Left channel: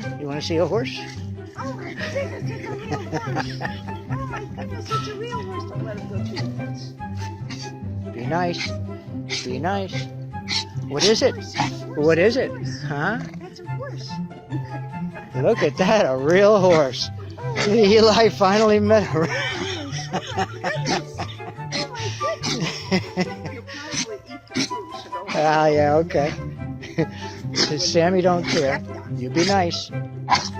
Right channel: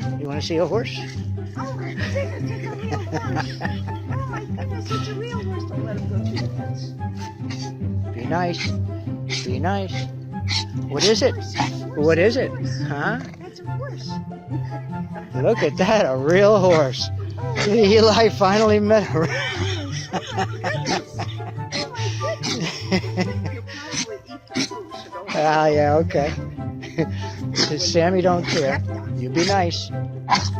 Huh? You want to see a horse? Oh my goodness, it's a real horse. Oh my goodness, it's a real horse. Don't let him go through the fence. Be nice. Be nice. What is it? Horse, it's a horse, What is it's a it? horse. Huh? That's a horse. Look at that, a real horse. Oh, Eli finally met her. goodness. Oh my goodness. You'll probably eat the food, so don't. Ah, yeah, okay. Sammy don't care. You be nice.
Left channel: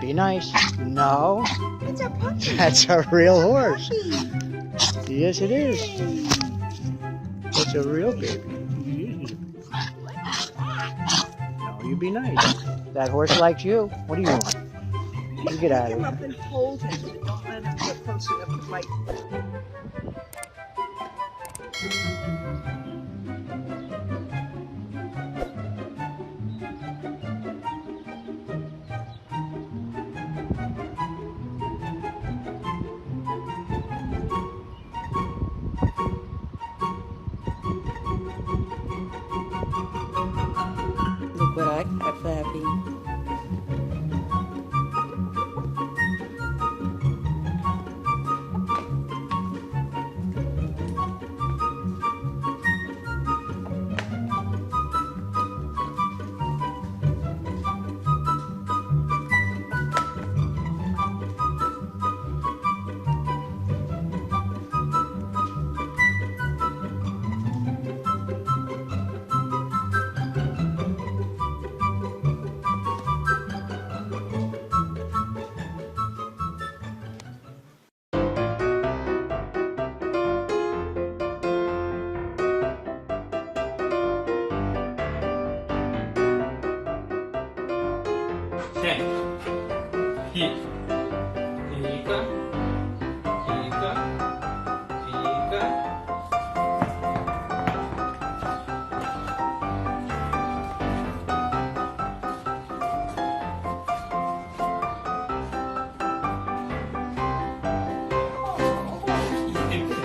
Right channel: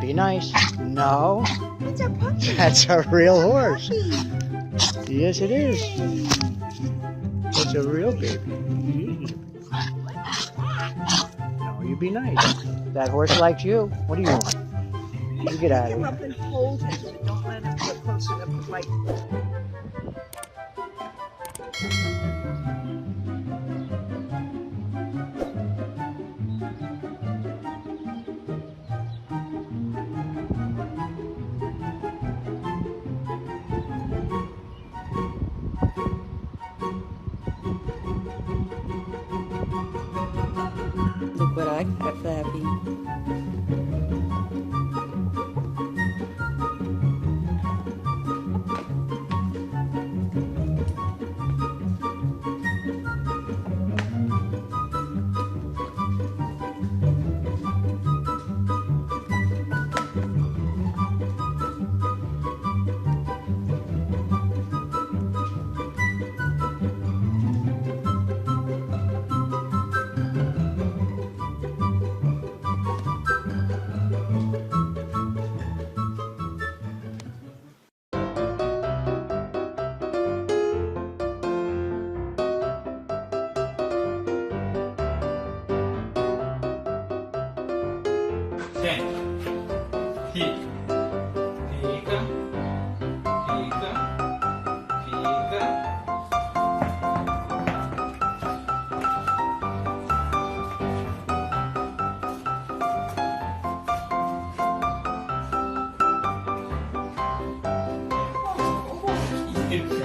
Be nice. No, It's a puppy. that's a real horse. Puppy. Yes, it is. Yay. It's a real baby. No, you be nice. That horse likes you. What do you want? You get out Pick of him up here. and hold him, but don't let him get close enough to bite. Look what I got, Flappy. Ten. Fica. Fica. Fica. Fica. Oh,